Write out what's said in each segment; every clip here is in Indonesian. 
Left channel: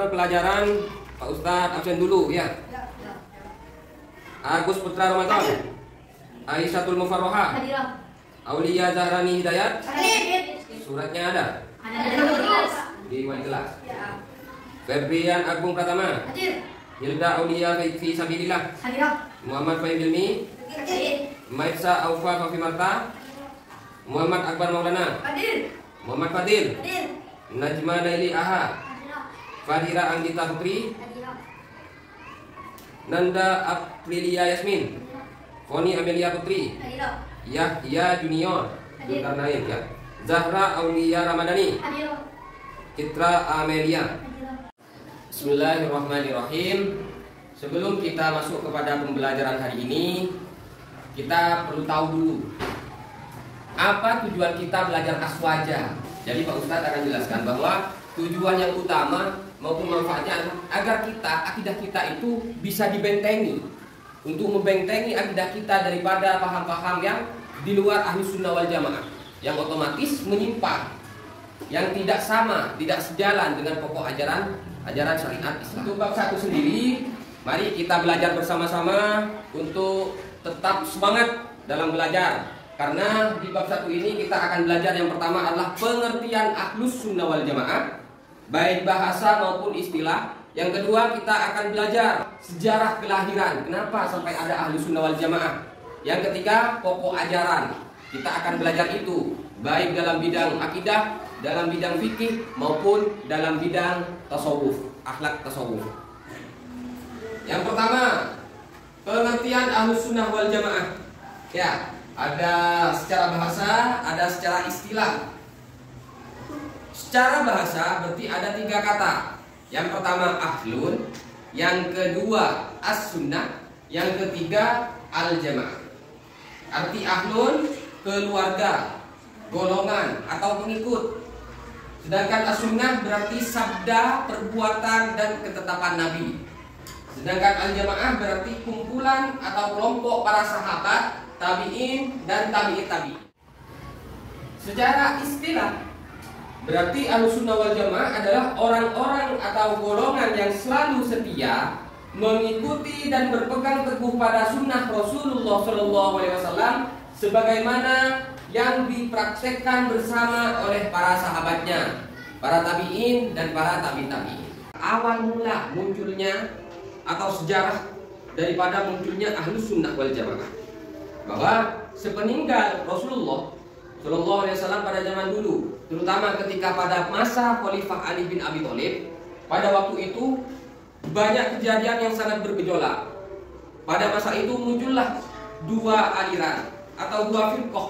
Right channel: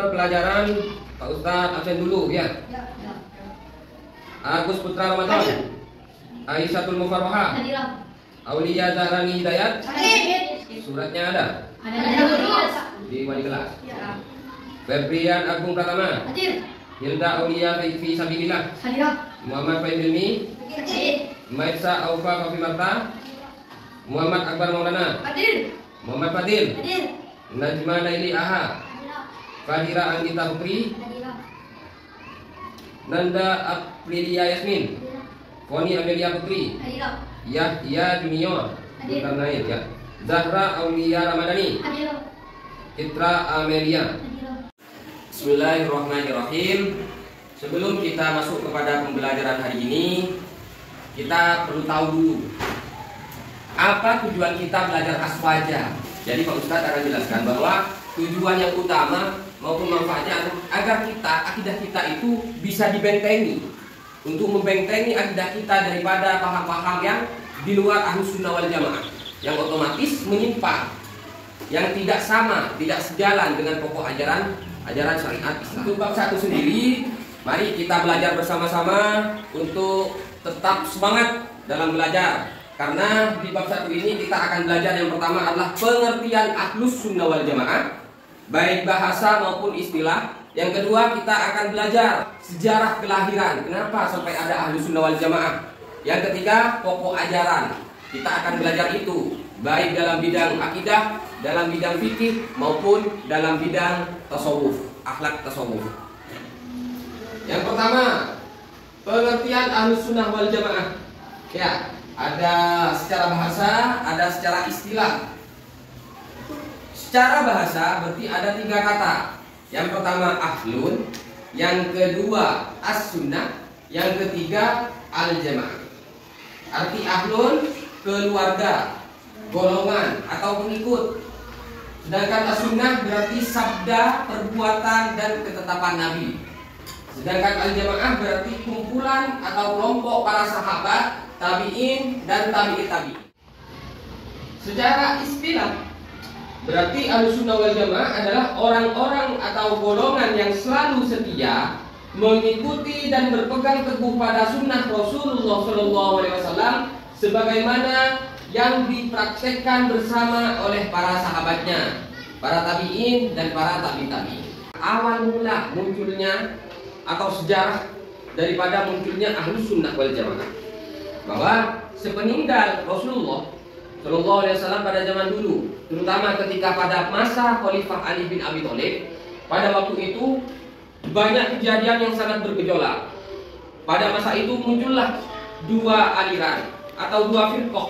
Lanjutkan pelajaran Pak Ustadz absen dulu ya. Agus Putra Ramadan, Aisyahul Mufarroha, Aulia Zahrani Hidayat. Suratnya ada di wali kelas. Febrian Agung Pratama, Hilda Aulia fi Sabilillah, Muhammad Fahmi, Maitsa Aufa Fafimarta, Muhammad Akbar Maulana, Muhammad Fadil, Najma Naili Aha, Fadira Anggita Hukri, Nanda Aprilia Yasmin, Foni Amelia Putri, Yahya Junior, bukan naik ya, Zahra Aulia Ramadhani, Citra Amelia. Bismillahirrahmanirrahim. Sebelum kita masuk kepada pembelajaran hari ini, kita perlu tahu dulu apa tujuan kita belajar aswaja. Jadi Pak Ustadz akan jelaskan bahwa tujuan yang utama maupun manfaatnya agar akidah kita itu bisa dibentengi, untuk membentengi akidah kita daripada paham-paham yang di luar Ahlus Sunnah wal Jamaah, yang otomatis menyimpang, yang tidak sama, tidak sejalan dengan pokok ajaran syariat Islam. Untuk bab 1 sendiri, mari kita belajar bersama-sama untuk tetap semangat dalam belajar. Karena di bab 1 ini kita akan belajar yang pertama adalah pengertian Ahlus Sunnah wal Jamaah, baik bahasa maupun istilah. Yang kedua, kita akan belajar sejarah kelahiran, kenapa sampai ada Ahlus Sunnah wal Jamaah. Yang ketiga, pokok ajaran. Kita akan belajar itu baik dalam bidang akidah, dalam bidang fikih maupun dalam bidang tasawuf, akhlak tasawuf. Yang pertama, pengertian Ahlus Sunnah wal Jamaah. Ya, ada secara bahasa, ada secara istilah. Secara bahasa berarti ada 3 kata. Yang pertama ahlun, yang kedua as-sunnah, yang ketiga al-jamaah. Arti ahlun keluarga, golongan atau pengikut. Sedangkan as-sunnah berarti sabda, perbuatan dan ketetapan Nabi. Sedangkan al-jamaah berarti kumpulan atau kelompok para sahabat, tabi'in dan tabi'it tabi'in. Secara istilah berarti Ahlus Sunnah wal Jamaah adalah orang-orang atau golongan yang selalu setia mengikuti dan berpegang teguh pada sunnah Rasulullah SAW sebagaimana yang dipraktekkan bersama oleh para sahabatnya, para tabi'in dan para tabi'in. Awal mula munculnya atau sejarah daripada munculnya Ahlus Sunnah wal Jamaah, bahwa sepeninggal Rasulullah Shallallahu Alaihi Wasallam pada zaman dulu, terutama ketika pada masa Khalifah Ali bin Abi Thalib, pada waktu itu banyak kejadian yang sangat bergejolak. Pada masa itu muncullah 2 aliran atau 2 firqah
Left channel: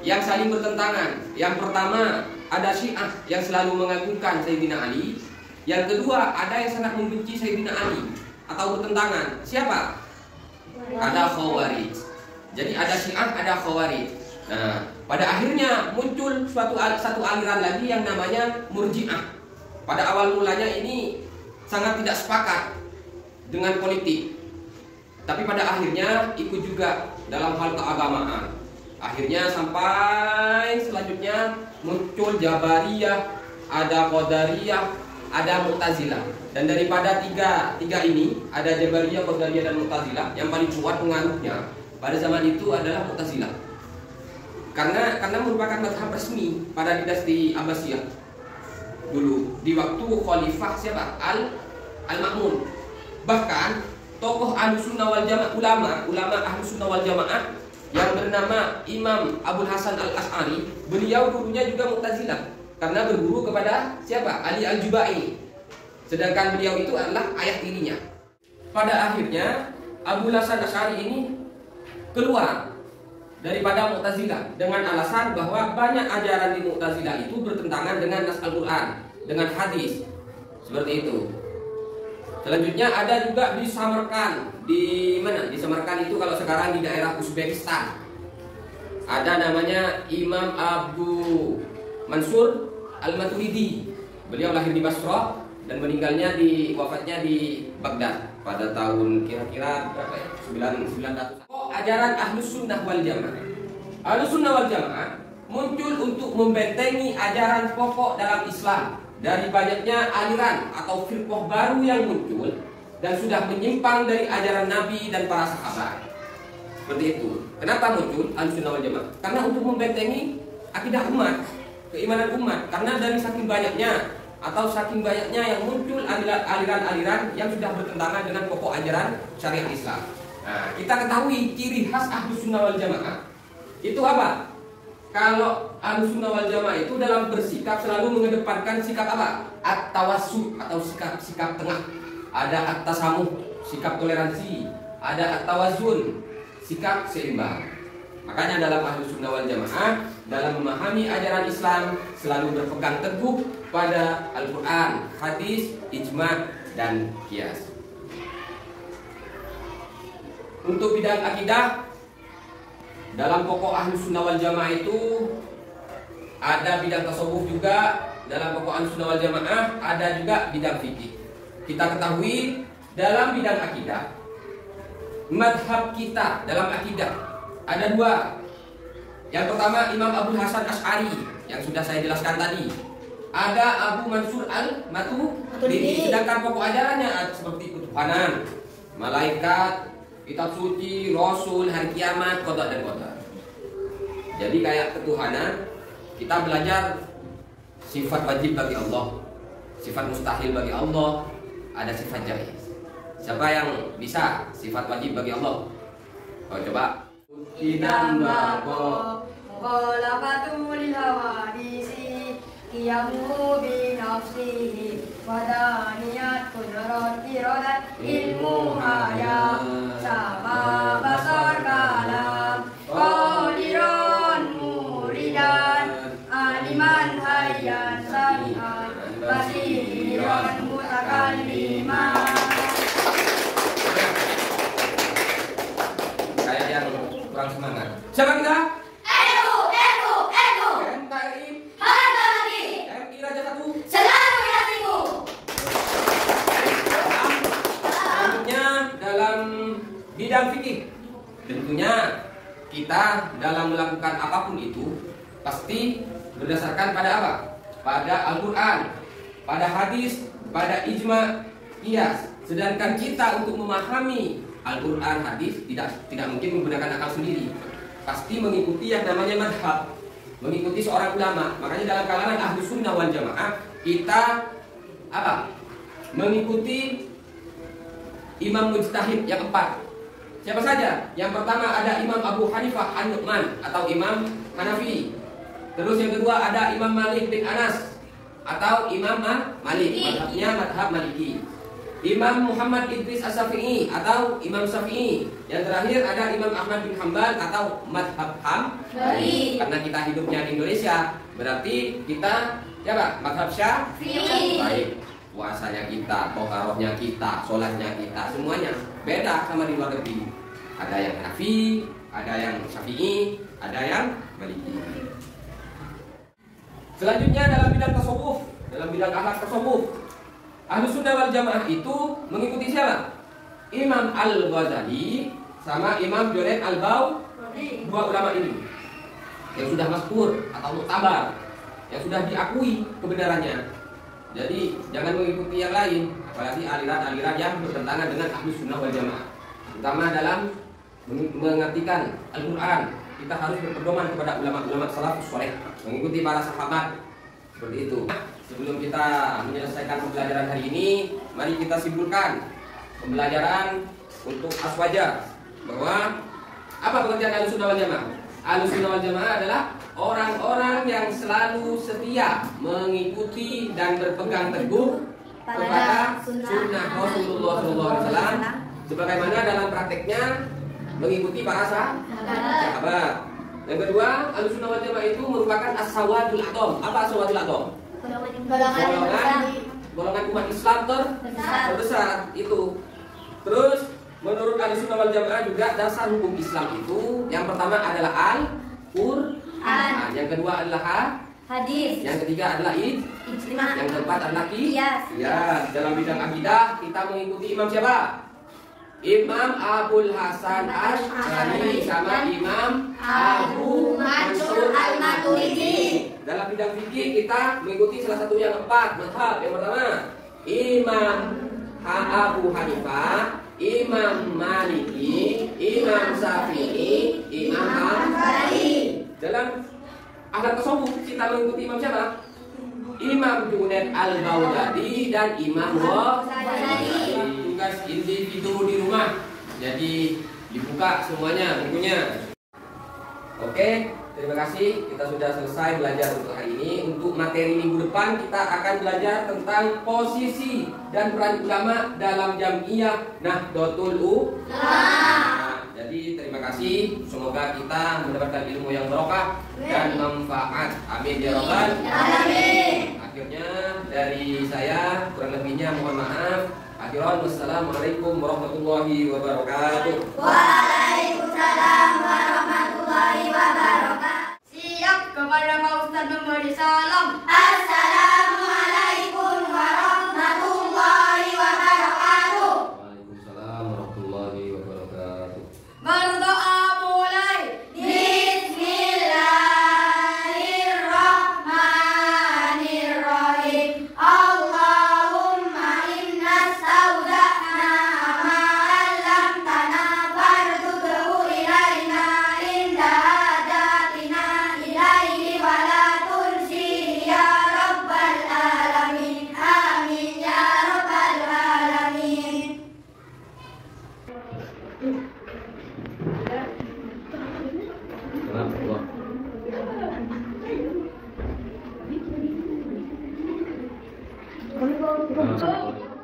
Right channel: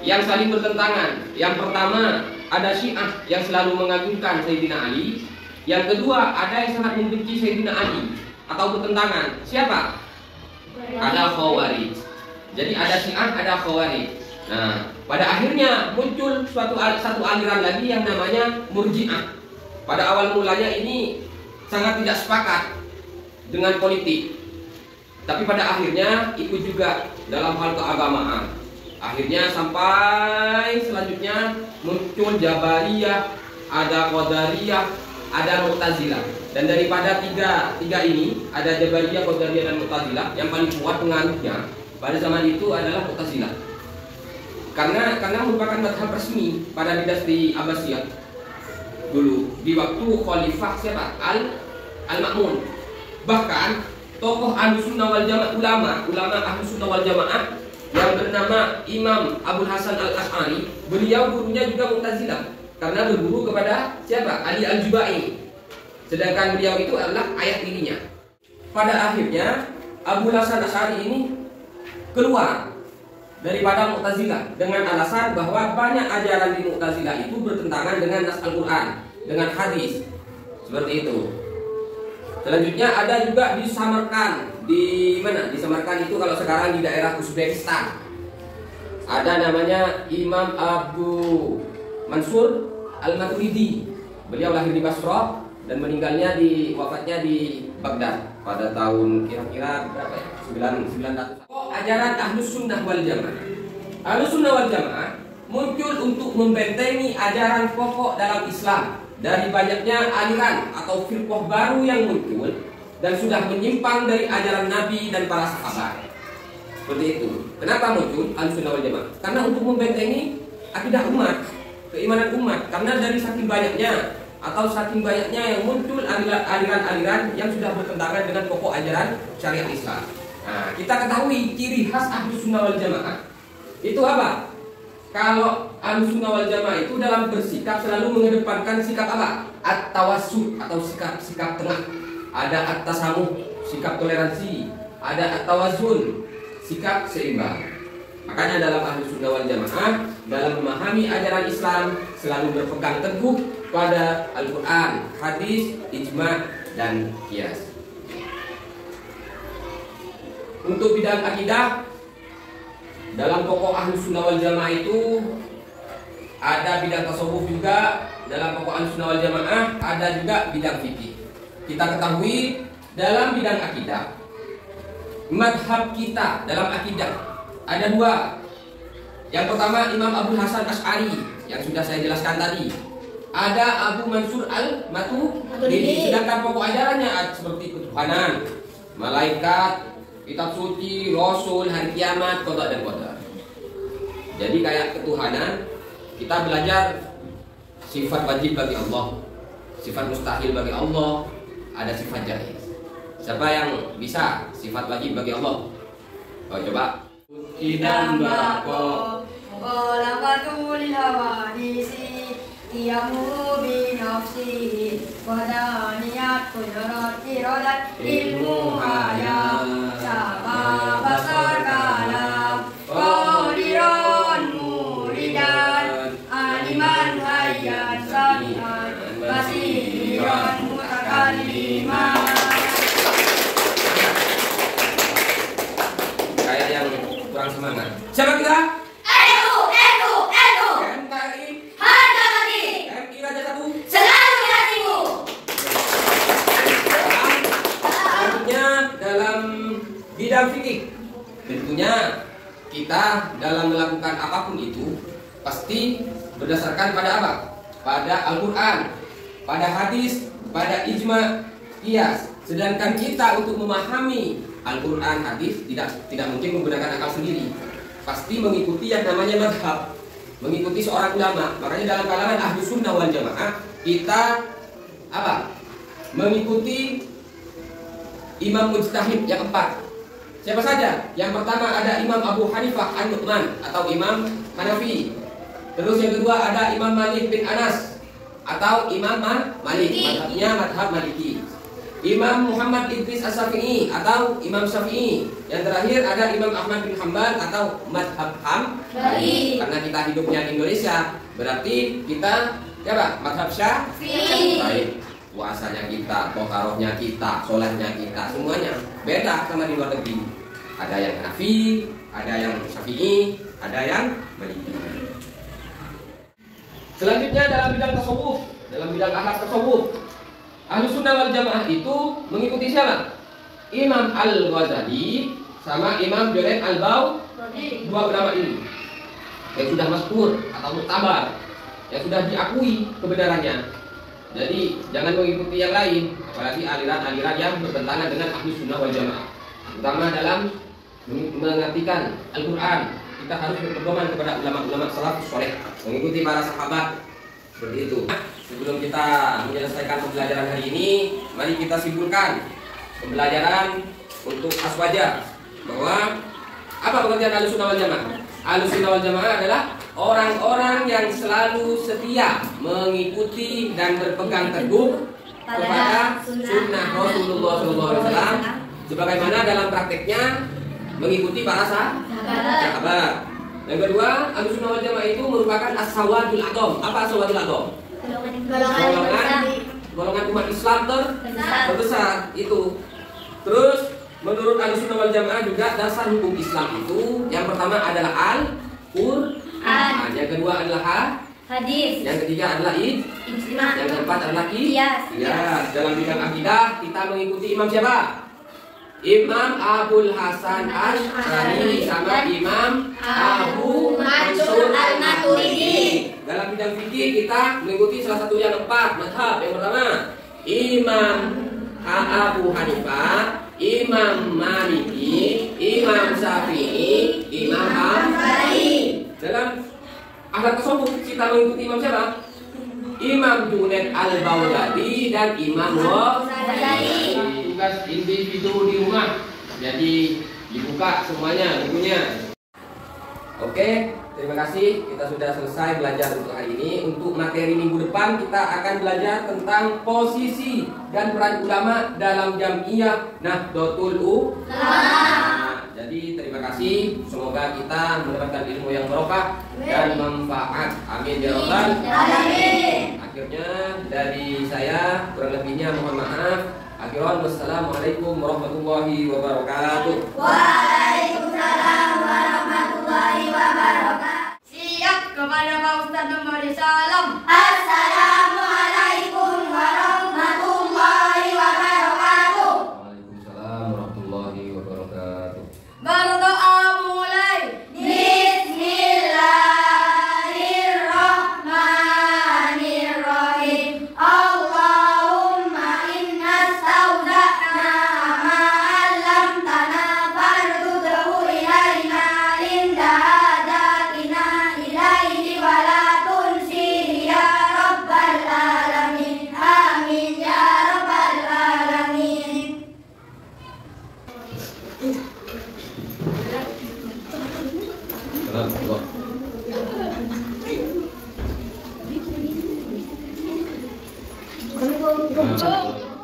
yang saling bertentangan. Yang pertama ada Syiah yang selalu mengagungkan Sayyidina Ali. Yang kedua ada yang sangat membenci Sayyidina Ali atau bertentangan. Siapa? Ada Khawarij. Jadi ada Syiah, ada Khawarij. Nah, pada akhirnya muncul satu aliran lagi yang namanya Murji'ah. Pada awal mulanya ini sangat tidak sepakat dengan politik, tapi pada akhirnya ikut juga dalam hal keagamaan. Akhirnya sampai selanjutnya muncul Jabariyah, ada Qadariyah, ada Mu'tazilah. Dan daripada tiga ini, ada Jabariyah, Qadariyah dan Mu'tazilah, yang paling kuat pengaruhnya pada zaman itu adalah Mu'tazilah. Karena merupakan mazhab resmi pada dinasti Abbasiyah dulu di waktu Khalifah siapa? Al-Ma'mun. Bahkan tokoh Ahlus Sunnah wal Jamaah, ulama Ahlus Sunnah wal Jamaah yang bernama Imam Abul Hasan Al-Asy'ari, beliau gurunya juga Mu'tazilah karena berguru kepada siapa? Ali Al-Jubai. Sedangkan beliau itu adalah ayah tirinya. Pada akhirnya Abul Hasan Al-Asy'ari ini keluar daripada Mu'tazilah dengan alasan bahwa banyak ajaran di Mu'tazilah itu bertentangan dengan nas Al-Quran, dengan hadis, seperti itu. Selanjutnya ada juga di Samarkand. Di mana? Di Samarkand itu kalau sekarang di daerah Uzbekistan. Ada namanya Imam Abu Mansur Al-Maturidi. Beliau lahir di Basra dan meninggalnya wafatnya di Baghdad pada tahun kira-kira berapa ya? 900. Ajaran Ahlus Sunnah wal Jamaah. Ahlus Sunnah wal Jamaah muncul untuk membentengi ajaran pokok dalam Islam, dari banyaknya aliran atau firqah baru yang muncul dan sudah menyimpang dari ajaran Nabi dan para sahabat. Seperti itu. Kenapa muncul Ahlussunnah wal Jamaah? Karena untuk membentengi akidah umat, keimanan umat. Karena dari saking banyaknya yang muncul aliran-aliran yang sudah bertentangan dengan pokok ajaran syariat Islam. Nah, kita ketahui ciri khas Ahlussunnah wal Jamaah itu apa? Kalau Ahlussunnah wal Jamaah itu dalam bersikap selalu mengedepankan sikap apa? At-tawassut atau sikap tengah. Ada at-tasamuh, sikap toleransi. Ada at-tawazun, sikap seimbang. Makanya dalam Ahlussunnah wal Jamaah dalam memahami ajaran Islam selalu berpegang teguh pada Al-Quran, hadis, ijma, dan qiyas. Untuk bidang akidah, dalam pokok Ahlussunnah wal Jamaah itu ada bidang tasawuf juga. Dalam pokok Ahlussunnah wal Jamaah ada juga bidang fikih. Kita ketahui dalam bidang akidah, madhab kita dalam akidah ada dua. Yang pertama Imam Abu Hasan Asy'ari yang sudah saya jelaskan tadi. Ada Abu Mansur Al-Maturidi. Sedangkan pokok ajarannya seperti ketuhanan, malaikat, kitab suci, rasul, hari kiamat, qada dan qadar. Jadi kayak ketuhanan, kita belajar sifat wajib bagi Allah, sifat mustahil bagi Allah, ada sifat jaiz. Siapa yang bisa sifat wajib bagi Allah? Oh, coba. Inam bako Qalabatul hawadisi Qiyamu binafsihi Wadaniyat kudrat iradat ilmu hayat Sama basar kalam Qadiran muridan Aliman hayyan sami'an Basiran mutakalliman. Kayak yang kurang semangat. Siapa kita? MKRI Harga mati MI Raja Satu Selalu di hatimu. Selanjutnya dalam bidang fikih, tentunya kita dalam melakukan apapun itu pasti berdasarkan pada apa? Pada Al-Quran, pada hadis, pada ijma, qiyas. Sedangkan kita untuk memahami Al-Quran, hadis tidak mungkin menggunakan akal sendiri. Pasti mengikuti yang namanya madhab, mengikuti seorang ulama. Makanya dalam kalangan Ahlussunnah wal Jamaah kita apa? Mengikuti imam mujtahid yang 4. Siapa saja? Yang pertama ada Imam Abu Hanifah An-Nu'man atau Imam Hanafi. Terus yang kedua ada Imam Malik bin Anas atau Imam Malik, madhabnya madhab Maliki. Imam Muhammad Idris As-Syafi'i atau Imam Syafi'i. Yang terakhir ada Imam Ahmad bin Hanbal atau madhab Hambali. Karena kita hidupnya di Indonesia, berarti kita siapa? Madhab Syafi'i. Baik, puasanya kita, toharohnya kita, sholatnya kita, semuanya beda sama di luar negeri. Ada yang Hanafi, ada yang Syafi'i, ada yang Maliki. Selanjutnya dalam bidang tasawuf, dalam bidang akhlak tasawuf, Ahlussunnah wal Jamaah itu mengikuti siapa? Imam Al-Ghazali sama Imam Junaid Al-Baghdadi. Dua ulama ini yang sudah masyhur atau muktabar, yang sudah diakui kebenarannya. Jadi jangan mengikuti yang lain, apalagi aliran-aliran yang bertentangan dengan Ahlussunnah wal Jamaah. Terutama dalam mengartikan Al-Quran, kita harus berpedoman kepada ulama-ulama salafus saleh, mengikuti para sahabat. Seperti itu. Sebelum kita menyelesaikan pembelajaran hari ini, mari kita simpulkan pembelajaran untuk aswaja bahwa apa pengertian Ahlussunnah wal Jamaah? Ahlussunnah wal Jamaah adalah orang-orang yang selalu setia mengikuti dan berpegang teguh kepada sunnah Rasulullah SAW, sebagaimana dalam prakteknya mengikuti para sahabat. Yang kedua, Ahlussunnah wal Jamaah itu merupakan as-sawadul a'dham. Apa as-sawadul a'dham? Golongan umat Islam terbesar itu. Terus menurut Ahlussunnah wal Jamaah juga dasar hukum Islam itu yang pertama adalah Al-Qur'an, yang kedua adalah hadis, yang ketiga adalah ijma, yang keempat adalah qiyas. Dalam bidang akidah kita mengikuti imam siapa? Imam Abul Hasan Asy'ari sama Imam Abu Mansur Al-Maturidi. Dalam bidang fikih kita mengikuti salah satu yang 4 mazhab. Yang pertama Imam Abu Hanifah, Imam Maliki, Imam Syafi'i, Imam Hambali. Dalam akhlak tasawuf kita mengikuti imam siapa? Imam Junaid Al-Baghdadi dan Imam Ghazali. Tugas individu di rumah. Jadi dibuka semuanya bukunya. Oke, terima kasih. Kita sudah selesai belajar untuk hari ini. Untuk materi minggu depan kita akan belajar tentang posisi dan peran ulama dalam Jam'iyah Nahdlatul Ulama. Jadi terima kasih. Semoga kita mendapatkan ilmu yang barokah dan manfaat. Amin ya rabbal alamin. Akhirnya dari saya kurang lebihnya mohon maaf. Akhiran wassalamualaikum warahmatullahi wabarakatuh. Waalaikumsalam warahmatullahi wabarakatuh. Siap kepada Pak Ustadz memberi salam. Assalamualaikum warahmatullahi wabarakatuh. Waalaikumsalam warahmatullahi wabarakatuh. Berdoa mulai. Bismillahirrahmanirrahim. Allahumma inna stauda'na ma 'allamtana farduhu ilaina inda hadatina ilaihi wa la tunsihi ya rabbal alamin. Amin ya rabbal alamin. Salam.